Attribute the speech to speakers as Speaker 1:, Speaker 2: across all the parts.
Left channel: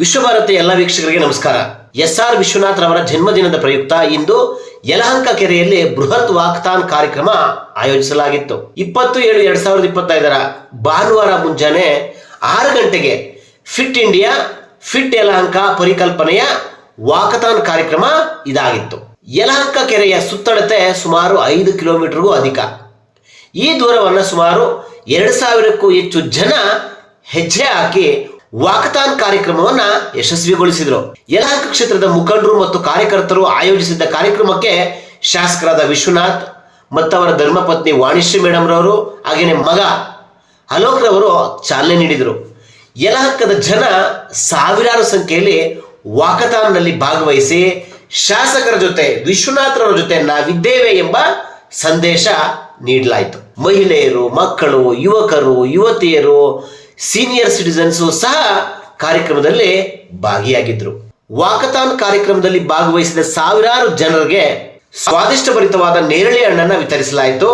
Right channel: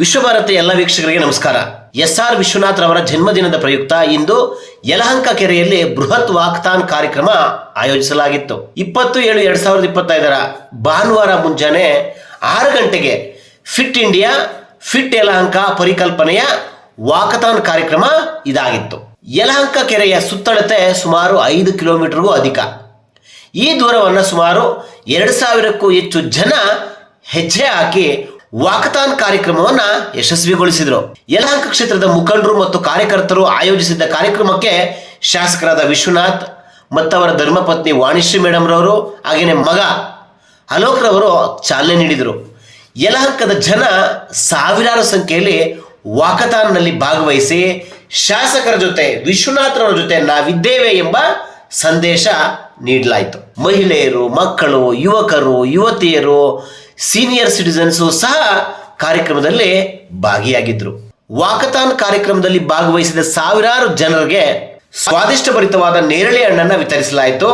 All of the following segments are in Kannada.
Speaker 1: ವಿಶ್ವಭಾರತಿ ಎಲ್ಲ ವೀಕ್ಷಕರಿಗೆ ನಮಸ್ಕಾರ. ಎಸ್ ಆರ್ ವಿಶ್ವನಾಥ್ ರವರ ಜನ್ಮದಿನದ ಪ್ರಯುಕ್ತ ಇಂದು ಯಲಹಂಕ ಕೆರೆಯಲ್ಲಿ ಬೃಹತ್ ವಾಕ್ತಾನ್ ಕಾರ್ಯಕ್ರಮ ಆಯೋಜಿಸಲಾಗಿತ್ತು. ಇಪ್ಪತ್ತು ಏಳು ಎರಡ್ ಸಾವಿರದ ಇಪ್ಪತ್ತೈದರ ಭಾನುವಾರ ಮುಂಜಾನೆ ಆರು ಗಂಟೆಗೆ ಫಿಟ್ ಇಂಡಿಯಾ, ಫಿಟ್ ಯಲಹಂಕ ಪರಿಕಲ್ಪನೆಯ ವಾಕತಾನ್ ಕಾರ್ಯಕ್ರಮ ಇದಾಗಿತ್ತು. ಯಲಹಂಕ ಕೆರೆಯ ಸುತ್ತಳತೆ ಸುಮಾರು ಐದು ಕಿಲೋಮೀಟರ್ಗೂ ಅಧಿಕ. ಈ ದೂರವನ್ನು ಸುಮಾರು ಎರಡು ಸಾವಿರಕ್ಕೂ ಹೆಚ್ಚು ಜನ ಹೆಜ್ಜೆ ಹಾಕಿ ವಾಕತಾನ್ ಕಾರ್ಯಕ್ರಮವನ್ನ ಯಶಸ್ವಿಗೊಳಿಸಿದರು. ಯಲಹಂಕ ಕ್ಷೇತ್ರದ ಮುಖಂಡರು ಮತ್ತು ಕಾರ್ಯಕರ್ತರು ಆಯೋಜಿಸಿದ್ದ ಕಾರ್ಯಕ್ರಮಕ್ಕೆ ಶಾಸಕರಾದ ವಿಶ್ವನಾಥ್ ಮತ್ತವರ ಧರ್ಮಪತ್ನಿ ವಾಣಿಶ್ರೀ ಮೇಡಮ್ ರವರು ಹಾಗೇನೆ ಮಗ ಅಲೋಕ್ ರವರು ಚಾಲನೆ ನೀಡಿದರು. ಯಲಹಂಕದ ಜನ ಸಾವಿರಾರು ಸಂಖ್ಯೆಯಲ್ಲಿ ವಾಕತಾನ್ನಲ್ಲಿ ಭಾಗವಹಿಸಿ ಶಾಸಕರ ಜೊತೆ ವಿಶ್ವನಾಥ್ರವರ ಜೊತೆ ನಾವಿದ್ದೇವೆ ಎಂಬ ಸಂದೇಶ ನೀಡಲಾಯಿತು. ಮಹಿಳೆಯರು, ಮಕ್ಕಳು, ಯುವಕರು, ಯುವತಿಯರು ಸೀನಿಯರ್ ಸಿಟಿಸನ್ಸು ಸಹ ಕಾರ್ಯಕ್ರಮದಲ್ಲಿ ಭಾಗಿಯಾಗಿದ್ರು. ವಾಕಥಾನ್ ಕಾರ್ಯಕ್ರಮದಲ್ಲಿ ಭಾಗವಹಿಸಿದ ಸಾವಿರಾರು ಜನರಿಗೆ ಸ್ವಾದಿಷ್ಟಭರಿತವಾದ ನೇರಳೆ ಹಣ್ಣನ್ನು ವಿತರಿಸಲಾಯಿತು.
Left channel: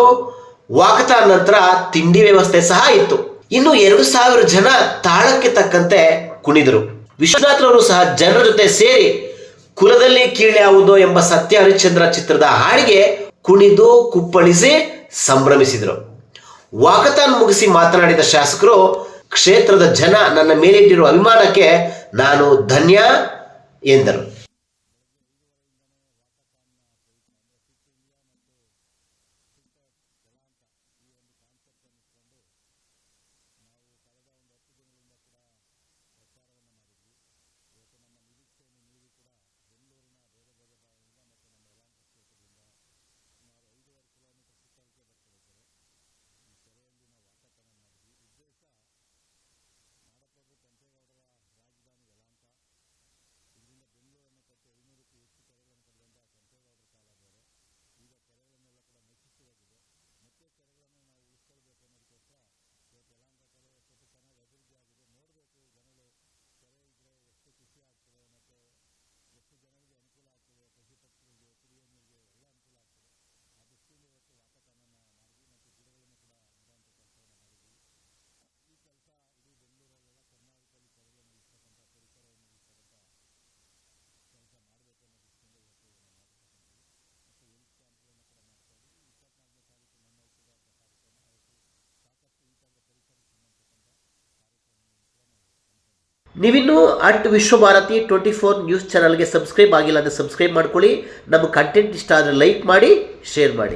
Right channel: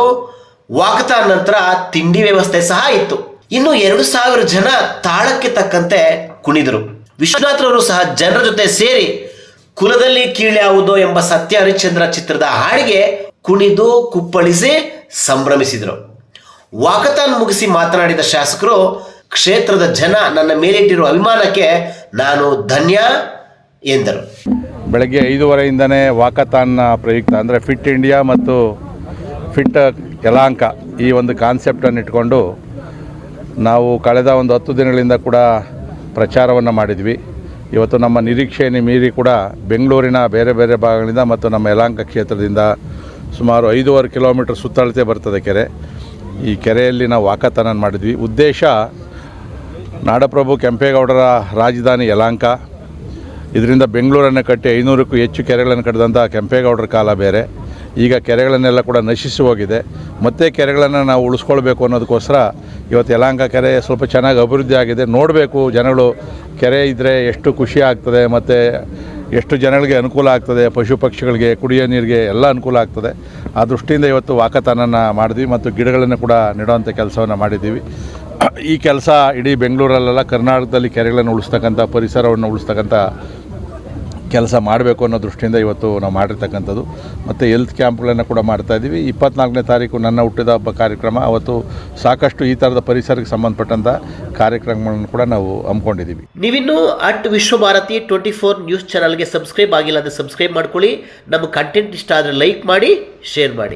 Speaker 1: ವಾಕತಾನ್ ನಂತರ ತಿಂಡಿ ವ್ಯವಸ್ಥೆ ಸಹ ಇತ್ತು. ಇನ್ನು ಎರಡು ಸಾವಿರ ಜನ ತಾಳಕ್ಕೆ ತಕ್ಕಂತೆ ಕುಣಿದರು. ವಿಶ್ವನಾಥ್ರವರು ಸಹ ಜನರ ಜೊತೆ ಸೇರಿ ಕುಲದಲ್ಲಿ ಕೀಳ್ಯಾವುದು ಎಂಬ ಸತ್ಯ ಹರಿಶ್ಚಂದ್ರ ಚಿತ್ರದ ಹಾಡಿಗೆ ಕುಣಿದು, ಕುಪ್ಪಳಿಸಿ, ಸಂಭ್ರಮಿಸಿದರು. ವಾಕತಾನ್ ಮುಗಿಸಿ ಮಾತನಾಡಿದ ಶಾಸಕರು ಕ್ಷೇತ್ರದ ಜನ ನನ್ನ ಮೇಲಿಟ್ಟಿರುವ ಅಭಿಮಾನಕ್ಕೆ ನಾನು ಧನ್ಯ ಎಂದರು.
Speaker 2: ಬೆಳಗ್ಗೆ ಐದೂವರೆಯಿಂದನೇ ವಾಕತಾನ್ನ ಪ್ರಯುಕ್ತ ಅಂದರೆ ಫಿಟ್ ಇಂಡಿಯಾ ಮತ್ತು ಫಿಟ್ ಯಲಾಂಕ ಈ ಒಂದು ಕಾನ್ಸೆಪ್ಟನ್ನು ಇಟ್ಕೊಂಡು ನಾವು ಕಳೆದ ಒಂದು ಹತ್ತು ದಿನಗಳಿಂದ ಕೂಡ ಪ್ರಚಾರವನ್ನು ಮಾಡಿದ್ವಿ. ಇವತ್ತು ನಮ್ಮ ನಿರೀಕ್ಷೆಯನ್ನು ಮೀರಿ ಕೂಡ ಬೆಂಗಳೂರಿನ ಬೇರೆ ಬೇರೆ ಭಾಗಗಳಿಂದ ಮತ್ತು ನಮ್ಮ ಯಲಾಂಕ ಕ್ಷೇತ್ರದಿಂದ ಸುಮಾರು ಐದೂವರೆ ಕಿಲೋಮೀಟರ್ ಸುತ್ತಳತೆ ಬರ್ತದೆ ಕೆರೆ. ಈ ಕೆರೆಯಲ್ಲಿ ನಾವು ವಾಕತಾನನ ಮಾಡಿದ್ವಿ. ಉದ್ದೇಶ ನಾಡಪ್ರಭು ಕೆಂಪೇಗೌಡರ ರಾಜಧಾನಿ ಯಲಾಂಕ ಇದರಿಂದ ಬೆಂಗಳೂರನ್ನು ಕಟ್ಟಿ ಐನೂರಕ್ಕೂ ಹೆಚ್ಚು ಕೆರೆಗಳನ್ನು ಕಟ್ಟಿದಂಥ ಕೆಂಪೇಗೌಡರ ಕಾಲ ಬೇರೆ. ಈಗ ಕೆರೆಗಳನ್ನೆಲ್ಲ ಕೂಡ ನಶಿಸಿ ಹೋಗಿದೆ. ಮತ್ತೆ ಕೆರೆಗಳನ್ನು ನಾವು ಉಳಿಸ್ಕೊಳ್ಬೇಕು ಅನ್ನೋದಕ್ಕೋಸ್ಕರ ಇವತ್ತು ಯಲಾಂಕ ಕೆರೆ ಸ್ವಲ್ಪ ಚೆನ್ನಾಗಿ ಅಭಿವೃದ್ಧಿ ಆಗಿದೆ. ನೋಡಬೇಕು ಜನಗಳು, ಕೆರೆ ಇದ್ದರೆ ಎಷ್ಟು ಖುಷಿ ಆಗ್ತದೆ, ಮತ್ತು ಎಷ್ಟು ಜನಗಳಿಗೆ ಅನುಕೂಲ ಆಗ್ತದೆ, ಪಶು ಪಕ್ಷಿಗಳಿಗೆ, ಕುಡಿಯೋ ನೀರಿಗೆ ಎಲ್ಲ ಅನುಕೂಲ ಆಗ್ತದೆ. ಆ ದೃಷ್ಟಿಯಿಂದ ಇವತ್ತು ವಾಕತಾನನ ಮಾಡಿದ್ವಿ ಮತ್ತು ಗಿಡಗಳನ್ನು ಕೂಡ ನೆಡುವಂಥ ಕೆಲಸವನ್ನು ಮಾಡಿದ್ದೀವಿ. ಈ ಕೆಲಸ ಇಡೀ ಬೆಂಗಳೂರಲ್ಲೆಲ್ಲ ಕರ್ನಾಟಕದಲ್ಲಿ ಕೆರೆಗಳನ್ನು ಉಳಿಸ್ತಕ್ಕಂಥ, ಪರಿಸರವನ್ನು ಉಳಿಸ್ತಕ್ಕಂಥ ಕೆಲಸ ಮಾಡಬೇಕು ಅನ್ನೋ ದೃಷ್ಟಿಯಿಂದ ಇವತ್ತು ನಾವು ಮಾಡಿರ್ತಕ್ಕಂಥದ್ದು. ಮತ್ತು ಹೆಲ್ತ್ ಕ್ಯಾಂಪ್ಗಳನ್ನು ಕೂಡ ಮಾಡ್ತಾ ಇದ್ದೀವಿ. ಇಪ್ಪತ್ನಾಲ್ಕನೇ ತಾರೀಕು ನನ್ನ ಹುಟ್ಟಿದ ಹಬ್ಬ ಕಾರ್ಯಕ್ರಮ. ಅವತ್ತು ಸಾಕಷ್ಟು ಈ ಥರದ ಪರಿಸರಕ್ಕೆ ಸಂಬಂಧಪಟ್ಟಂಥ ಕಾರ್ಯಕ್ರಮಗಳನ್ನು ಕೂಡ ನಾವು ಹಮ್ಮಿಕೊಂಡಿದ್ದೀವಿ.
Speaker 1: ನೀವಿನ್ನೂ at Vishwabharati twenty four news ಚಾನಲ್ಗೆ ಸಬ್ಸ್ಕ್ರೈಬ್ ಆಗಿಲ್ಲ ಅಂದರೆ ಸಬ್ಸ್ಕ್ರೈಬ್ ಮಾಡ್ಕೊಳ್ಳಿ. ನಮ್ಮ ಕಂಟೆಂಟ್ ಇಷ್ಟ ಆದರೆ ಲೈಕ್ ಮಾಡಿ ಶೇರ್ ಮಾಡಿ.